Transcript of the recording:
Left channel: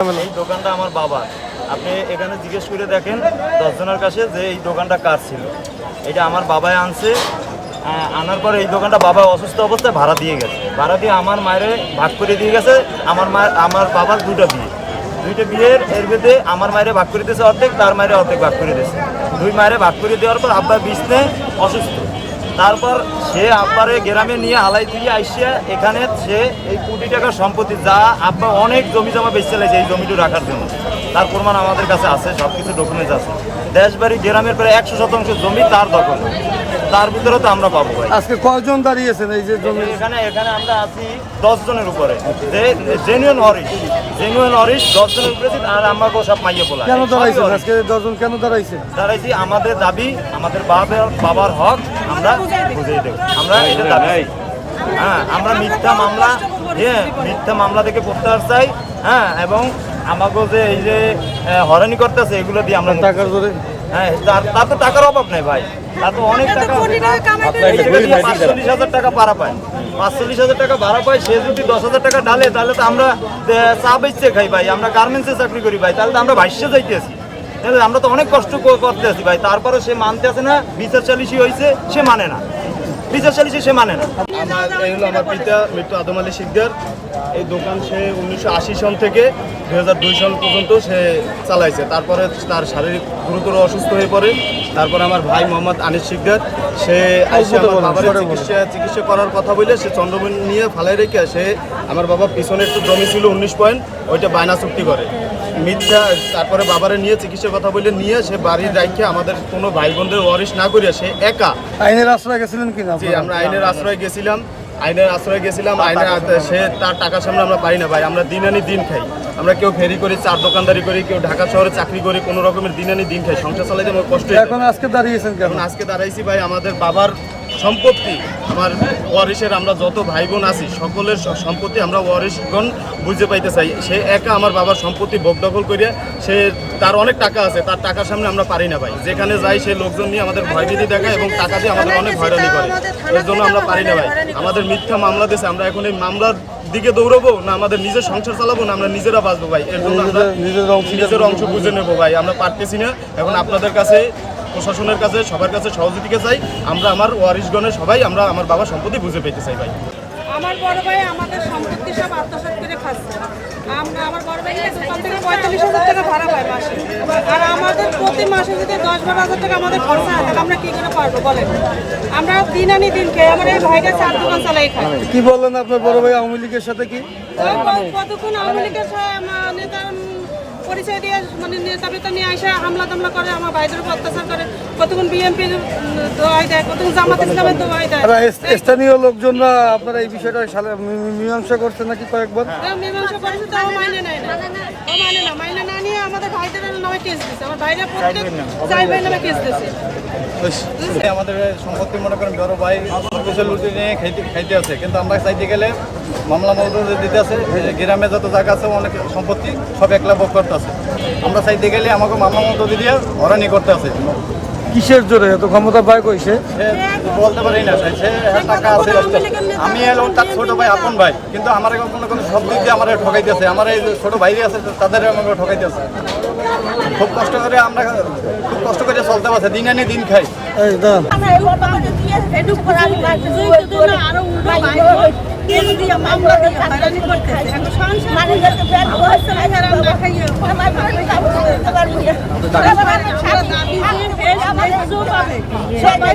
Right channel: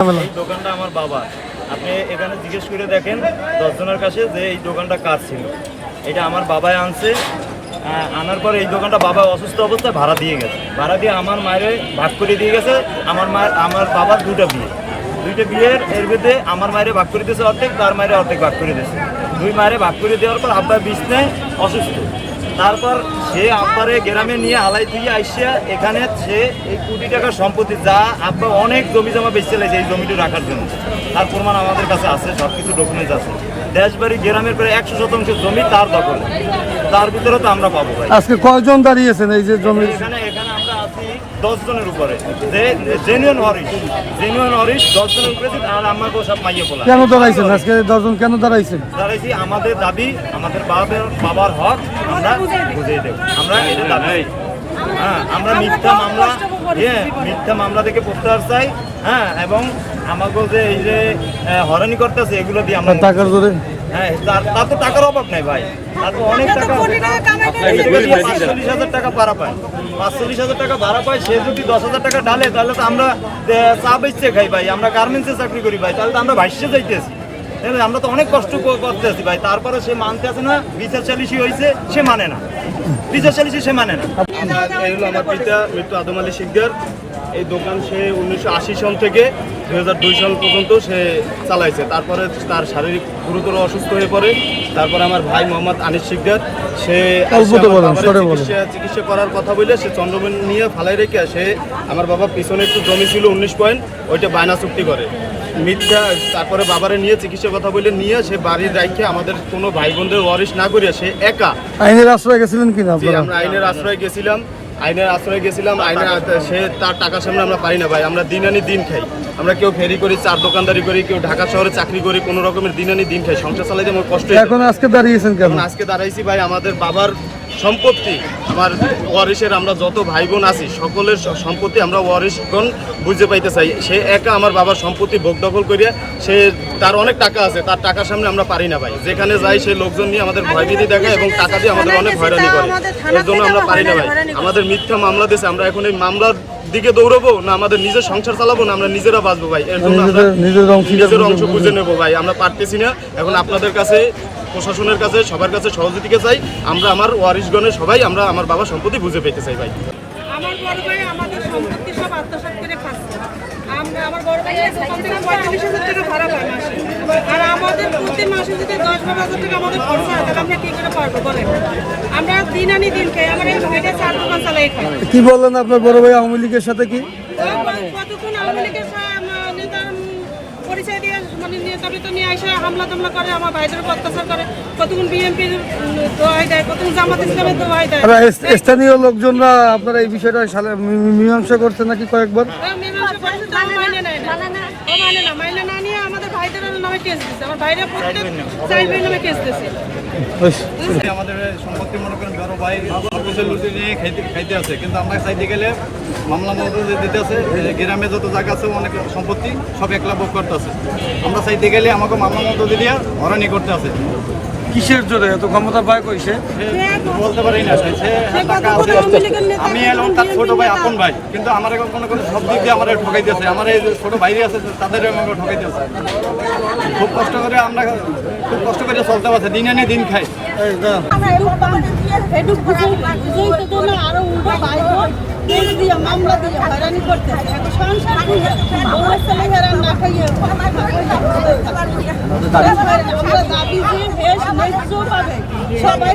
এই দোকানটা আমার বাবা আপনি এখানে জিজ্ঞেস করে দেখেন দশজনের কাছে যে এই দোকানটা কার ছিল। এটা আমার বাবাই আনছে। আনার পরে এই দোকানটা বাবা অসুস্থ অবস্থায় ভাড়া দিয়ে গেছে। ভাড়া দিয়ে আমার মায়ের ভাগ করে দিয়ে গেছে। আমার মা, আমার বাবার দুটা বিয়ে। দুইটা বিয়ের, এর মধ্যে আমার মায়ের ভাগ করে দিয়েছে অর্ধেক, তার মায়ের অর্ধেক ভাগ করে দিয়েছে। দুই মায়ের ভাগ করে দেওয়ার পর আব্বা বিছনে অসুস্থ। তারপর সে আব্বারে গ্রামে নিয়ে আলাই থেকে আইসিয়া এখানে সে এই কোটি টাকার সম্পত্তি যা আব্বা অনেক জমি জমা বেঁচে লাগছে এই জমিটা রাখার জন্য। তার প্রমাণ আমাদের কাছে আছে সব কিছু ডকুমেন্টস আছে। দেশবাড়ি গ্রামের প্রায় একশো শতাংশ জমি তার দখলে। তার ভিতরে তো আমরা পাবো ভাই। আজকে কয়জন দাঁড়িয়েছেন এই যে জমি? এখানে এখানে আমরা আছি দশ জনের উপরে। যে জেনুইন হরিশ জেনুইন হরিশ দশ জনের উপরে আর আমাকে সব মাইয়ে বলা কেন দাঁড়াইছেন? আজকে দশজন কেন দাঁড়াইছে দাঁড়াইছি আমাদের দাবি আমাদের বাবার হক আমরা বুঝিয়ে দেব। আমরা এটা দাবি হ্যাঁ আমরা মিথ্যা মামলা হ্যাঁ মিথ্যা মামলা থেকে প্রত্যাহার চাই। হ্যাঁ এবং আমাকে যে এই যে আহ, হয়রানি করতেছে এগুলো দিয়ে আমরা হ্যাঁ তার তো টাকার অভাব নেই ভাই। তার তো অনেক টাকা পাঁচচল্লিশ হাজার টাকা ভাড়া পায়। পাঁচচল্লিশ হাজার টাকা ভাড়া পায় সে যদি দশ হাজার টাকা ডালে তাহলে তো আমরা চা বেচতে খাই ভাই। আমরা গার্মেন্টসে চাকরি করি ভাই। তাহলে তো আমরা ভাইসে যাইতেছি। আমরা তো অনেক কষ্ট করতে আছি ভাই। তারপরে সে মানতে আছে না বিচার চালিশি হয়েছে সে মানে না। বিচার চালিশি সে মানে না। এই হলো আমার পিতা মৃত্যু আদম আলী শিকদার। এই দোকান সে উনিশশো আশি সন থেকে দুই সাল পর্যন্ত সে চালাইছে। তারপরে তার শারীরিক গুরুতর অসুস্থ হয়ে পড়ে। তারপর আমার ভাই মোহাম্মদ আনিস শিকদার সে বাবার চিকিৎসা চিকিৎসা করার কথা বলে সে চন্দ্রমণি নিয়ে ফালাই রেখে সে আমার বাবা পিছনে একটু জমি ছিল উনিশ পয়েন্ট ওইটা বায়না চুক্তি করে। মিথ্যা তারপরে বাবারে নিয়ে চিকিৎসার কথা বলে নিয়ে সে বাড়ির রাখে আমাদের কোনো ভাই বোনদের ওয়ারিশ না করিয়া সে একা। আইনের আশ্রয় গেছিলেন কিনা জি আমরা আইনের আশ্রয় গেছিলাম আইনের আশ্রয় গেছিলাম আইনের সে তার টাকা সামনে আমরা পাই না ভাই আমরা দিন আনি দিন খাই। আমরা কেউ ফেরি করি চার দোকানদারি করি কেউ ঢাকা শহরে চাকরি করি কোনো রকমের দিন আনি দিন খাই সংসার চালাইতে আমার কষ্ট এখন আজকে দাঁড়িয়েছেন এখন আজকে দাঁড়াইছি ভাই আমাদের বাবার সম্পত্তি আমার ওয়ারিশের আমরা যত ভাই বোন আছি সকলের সম্পত্তি আমরা ওয়ারিশগণ বুঝতে পাইতে চাই। সে একা আমার বাবার সম্পত্তি ভোগ দখল করিয়া সে তার অনেক টাকা আছে তার টাকার সামনে আমরা পারি না ভাই। যেখানে যাই সে লোকজন নিয়ে আমাদের ভয়ভীতি দেখায় এবং টাকা দিয়ে আমাদের অনেক হয়রানি করে। এর জন্য আমরা পারি না ভাই। আমাদের মিথ্যা মামলা দিয়েছে আমরা এখন এই মামলার দিকে দৌড়বো না আমাদের নিজের সংসার চালাবো না আমরা নিজেরা বাঁচবো ভাই। এর জন্য আমরা নিজের অংশ নিজের অংশ বুঝে নেব ভাই। আমরা পারতেছি না। এখন আপনাদের কাছে প্রশাসনের কাছে সবার কাছে সহযোগিতা চাই। আমরা আমার ওয়ারিশগণের সবাই আমরা আমার বাবার সম্পত্তি বুঝে পেতে চাই ভাই। আমার বড় ভাই আমাদের সম্পত্তি সব আত্মসাৎ করে খাচ্ছে। আমরা আমার বড় ভাই দোকান থেকে পঁয়তাল্লিশ হাজার টাকা ভাড়া পায় মাসে। আর আমাদের প্রতি মাসে যদি দশ বারো হাজার টাকা আমাদের খরচা হয় তাহলে আমরা কি করে পারব বলেন? আমরা দিন আনি দিন খাই আমার এই ভাইটা চার দোকান চালাই খাই কি বললেন আপনার বড় ভাই আওয়ামী লীগের সাথে কি? কতক্ষণ আওয়ামী লীগের উম, পরিচয় দিয়ে মানে বেতা নিয়ে আসে হামলা টামলা করে আমার ভাইদের উপর অত্যাচার করে কতক্ষণ বিএনপি দোয়াই দেয় কতক্ষণ জামাত ইসলামের দোয়াই দেয়। স্থানীয় লোকজনরা আপনারা এই বিষয়টা সালে- মীমাংসা করছে নাকি কয়েকবার? মীমাংসা করেছে তাও মাইনে নেয় না। ও মানে না মাইনে না নিয়ে আমাদের ভাইদের নামে কেস দিচ্ছে আমার ভাইরা প্রত্যেক চাইবের নামে কেস দিচ্ছে। আমাদের সম্পত্তি মনে করেন বড় ভাই সবকিছু লুটি নিয়ে খাইতে খাইতে আছে। কিন্তু আমরা চাইতে গেলে মামলা মজুরি দিতে আছে গ্রামে যত জায়গা আছে অনেক সম্পত্তি সব একলা ভোগ করতে আছে। আমরা চাইতে গেলে আমাকে মামলা মজুরি দিয়ে হরানি করতে আছে। কিসের জোরে? এত ক্ষমতা পায় কইছে? সে বলতে পারি না সে টাকা আছে আমি এলাম তার ছোট ভাই আপন ভাই। কিন্তু আমার এখন কোনো কোনো সব দিক দিয়ে আমার ঠকাইতেছে। আমার এই ছোট ভাইরে আছে তাদের আমাকে ঠকাইতেছে। খুব কষ্ট করে আমরা খুব কষ্ট করে চলতে পারছে দিন আনি দিন খাই। সবাই